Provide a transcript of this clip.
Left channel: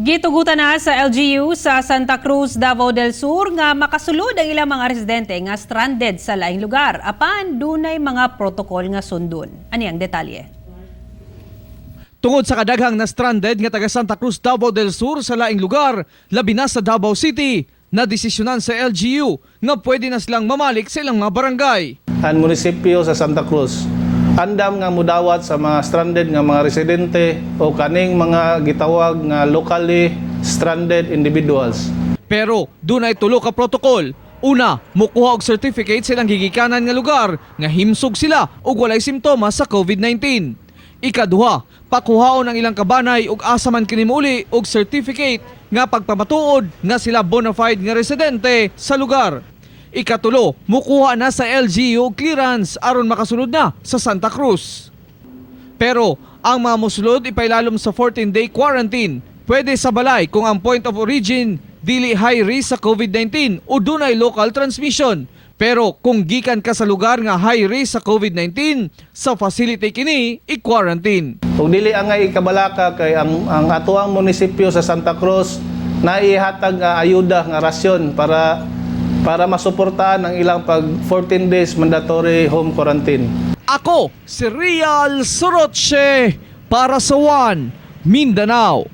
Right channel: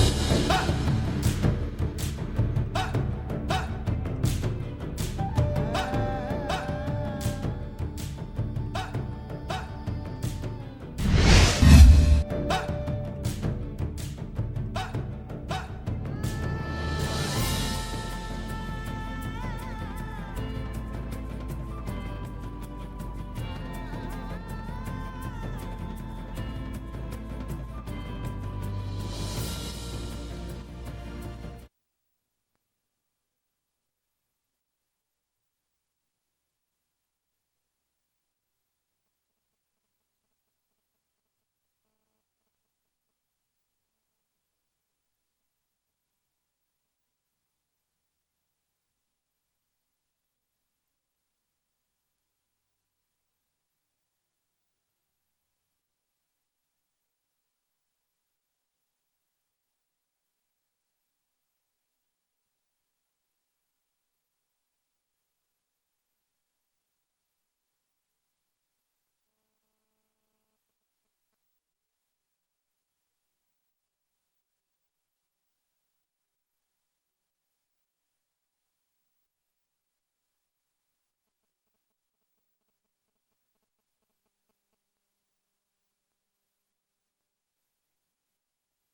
Gitugutan na sa LGU sa Santa Cruz, Davao del Sur nga makasulod ang ilang mga residente nga stranded sa laing lugar. Apan dunay mga protokol nga sundon. Ani ang detalye? Tungod sa kadaghang na stranded nga taga Santa Cruz, Davao del Sur sa laing lugar, labi na sa Davao City, na desisyonan sa LGU nga pwede na silang mamalik sa ilang mga barangay. Ang munisipyo sa Santa Cruz andam nga mudawat sa mga stranded nga mga residente o kaning mga gitawag nga locally stranded individuals. Pero dunay tulo ka protokol. Una, mukuha og certificate silang gigikanan nga lugar nga himsog sila og walay simptomas sa COVID-19. Ikaduha, pakuhaon ang ilang kabanay og asa man kini muli og certificate nga pagpamatuod nga sila bona fide nga residente sa lugar. Ikatulo, mukuha na sa LGU clearance aron makasunod na sa Santa Cruz. Pero ang mga mosulod ipailalom sa 14-day quarantine. Pwede sa balay kung ang point of origin dili high risk sa COVID-19 o dunay local transmission. Pero kung gikan ka sa lugar nga high risk sa COVID-19, sa facility kini i-quarantine. Kung dili ang nga ikabalaka kay ang atuang munisipyo sa Santa Cruz na ihatag nga ayuda nga rasyon para masuportahan ang ilang pag 14 days mandatory home quarantine. Ako, si Real Soroche para sa One Mindanao.